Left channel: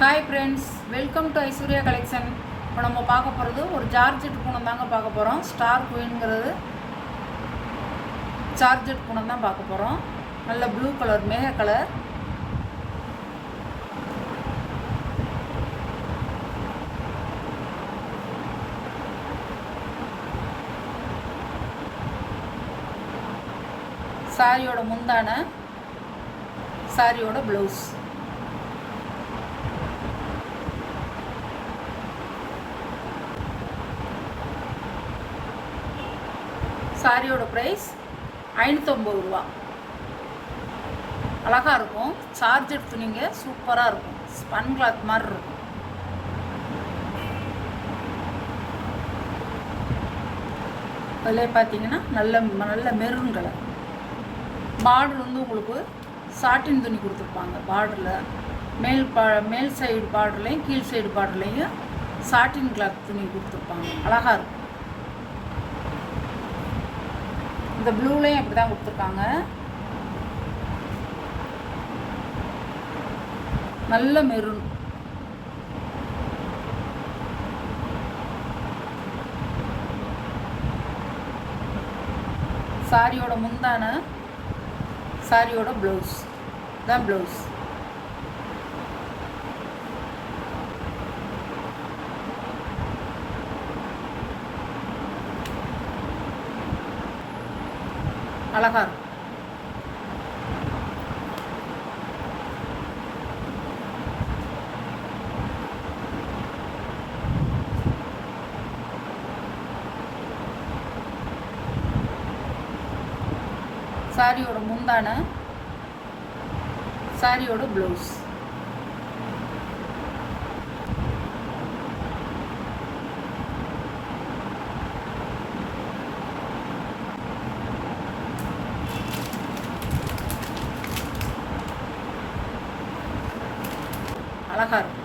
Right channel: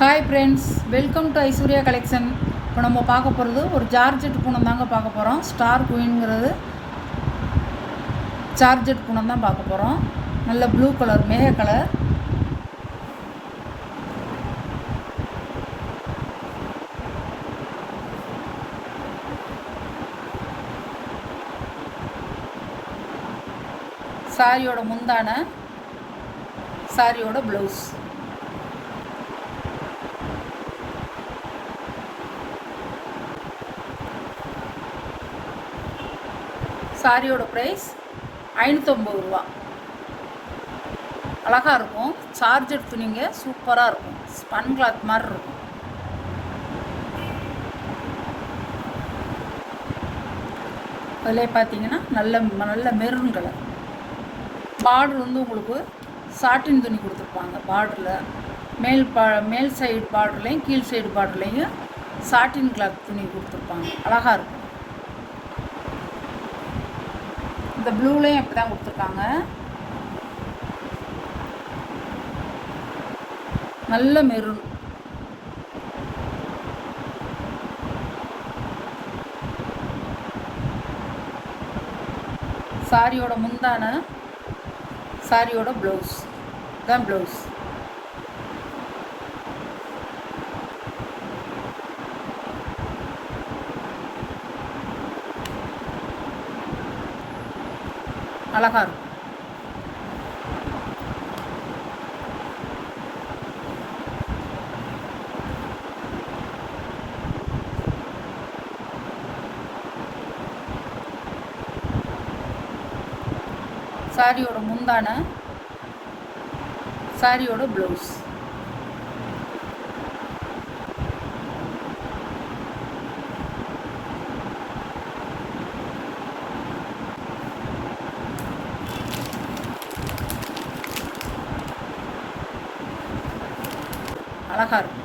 Hi friends, welcome to Aishwarya collection. இப்போ நம்ம பார்க்க போகிறது ஒரு ஜார்ஜெட் பூனம் தாங்க பார்க்க போகிறோம். ஸ்டார் குயின்ங்கிறது ஜார்ஜெட் பூனம் தான் பார்க்க போகிறோம். நல்ல ப்ளூ கலர், மேக கலர். சாரியோட முந்தான, சாரியோட ப்ளவுஸ். சாரியோட ப்ரைஸ் 550 ரூபா. அழகாக இருக்கும். சார்ஜர் துணிங்க சூப்பராக இருக்கும். ஸ்பன் கிளாத் மாதிரி இருக்கும். அதில் பார்த்தீங்கன்னா நல்ல மெரூன் கலர். பார்டர் வந்து உங்களுக்கு சாட்டின் துணி கொடுத்துருப்பாங்க. பார்டரில் மேல் சைடு பார்டர்லையும் கீழ் சைடு பார்டர்லையும் சாட்டின் கிளாத் துணி கொடுத்துருப்பாங்க. அழகாக இருக்கும். இந்த ப்ளூலையும் அப்படி தான் கொடுத்துருக்காங்க. நல்ல மெரூன். சாரியோட முந்தான, சாரியோட ப்ளவுஸ் தான் ப்ளவுஸ். அழகாக இருக்கும். சாரியோட முந்தான, சாரியோட ப்ளவுஸ். அழகாக இருக்கும்.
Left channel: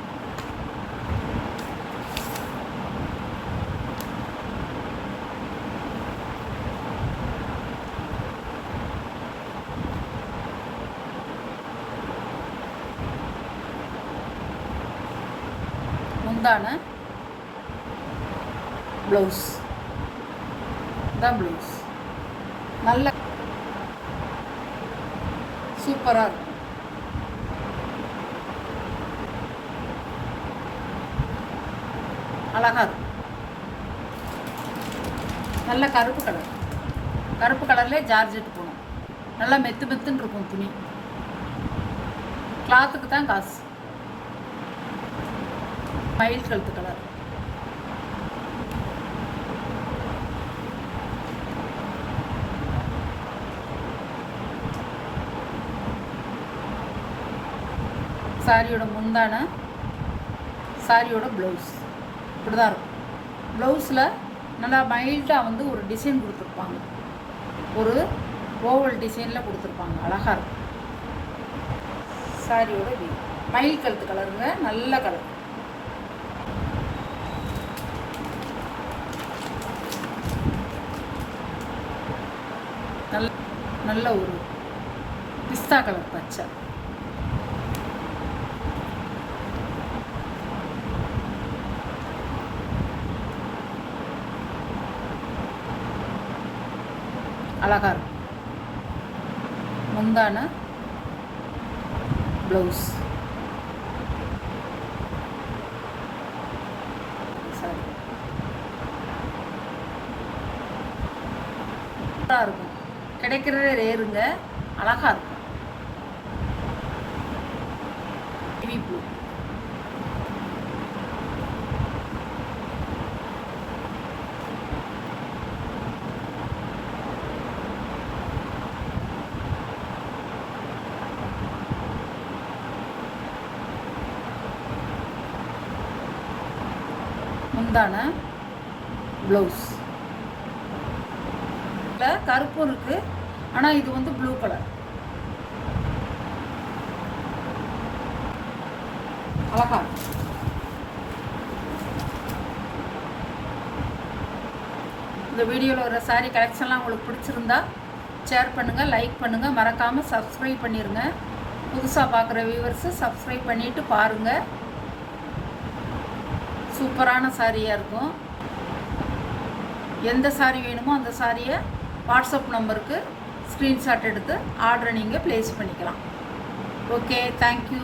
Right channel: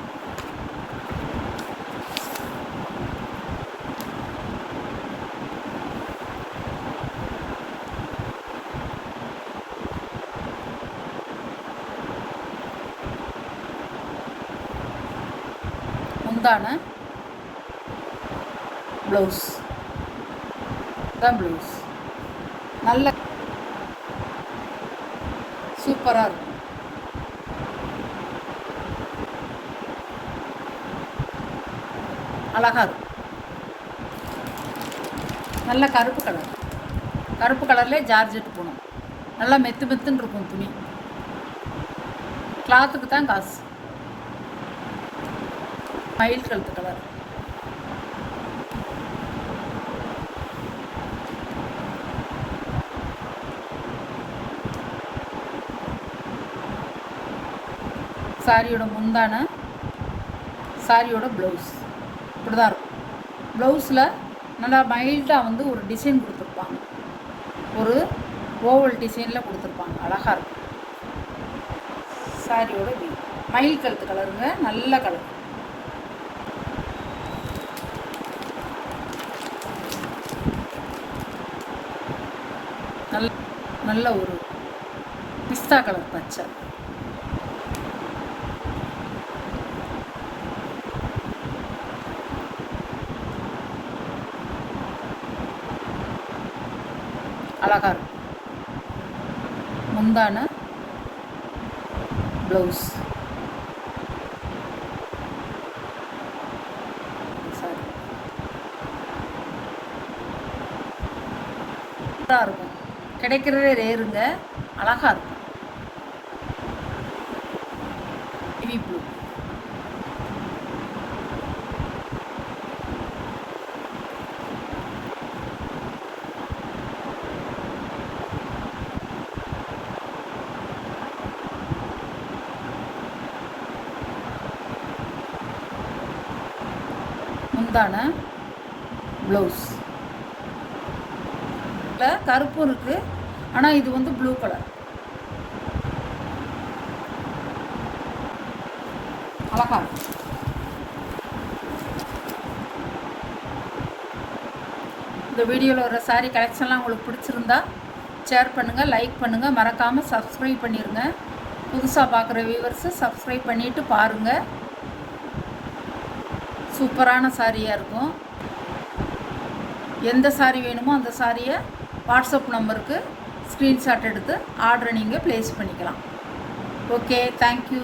முந்தான, ப்ளவுஸ் தான் ப்ளவுஸ். நல்ல சூப்பராக இருக்கும். அழகாக இருக்கும். நல்ல கருப்பு கலர். கருப்பு கலர்லேயே ஜார்ஜெட் போகணும். நல்லா மெத்துன்னு இருக்கும் துணி. கிளாத்துக்கு தான் காசு. மயில் கழுத்து கலர். சாரியோட முந்தான, சாரியோட ப்ளவுஸ் இப்படி தான் இருக்கும். ப்ளவுஸில் நல்லா மைல்டாக வந்து ஒரு டிசைன் கொடுத்துருப்பாங்க. ஒரு ஓவல் டிசைனில் கொடுத்துருப்பாங்க. அழகாக இருக்கும். சாரியோட மயில் கழுத்து கலருங்க. நல்ல கலர். நல்ல ஒரு பிஸ்தா கலர் பச்சை. அழகாக இருக்கும். முந்தான, ப்ளவுஸ். இருக்கும். கிடைக்கிறதே ரேருங்க. அழகாக இருக்கும். முந்தான, ப்ளவுஸ். கருப்பும் இருக்குது, ஆனால் இது வந்து ப்ளூ கலர். அழகா. இந்த வீடியோவில் வர சாரீ கலெக்ஷன்லாம் உங்களுக்கு பிடிச்சிருந்தா ஷேர் பண்ணுங்கள், லைக் பண்ணுங்கள், மறக்காமல் சப்ஸ்கிரைப் பண்ணிடுங்க. புதுசாக பார்க்குற வியூவர்ஸு சப்ஸ்கிரைப் பண்ணிவிட்டு பாருங்கள். சூப்பரான சாரியாக இருக்கும். எந்த சாரி வேணுமோ அந்த சாரியை வாட்ஸ்அப் நம்பருக்கு ஸ்க்ரீன்ஷாட் எடுத்து ஆர்டரை நீங்கள் ப்ளேஸ் பண்ணிக்கலாம். Okay, thank you.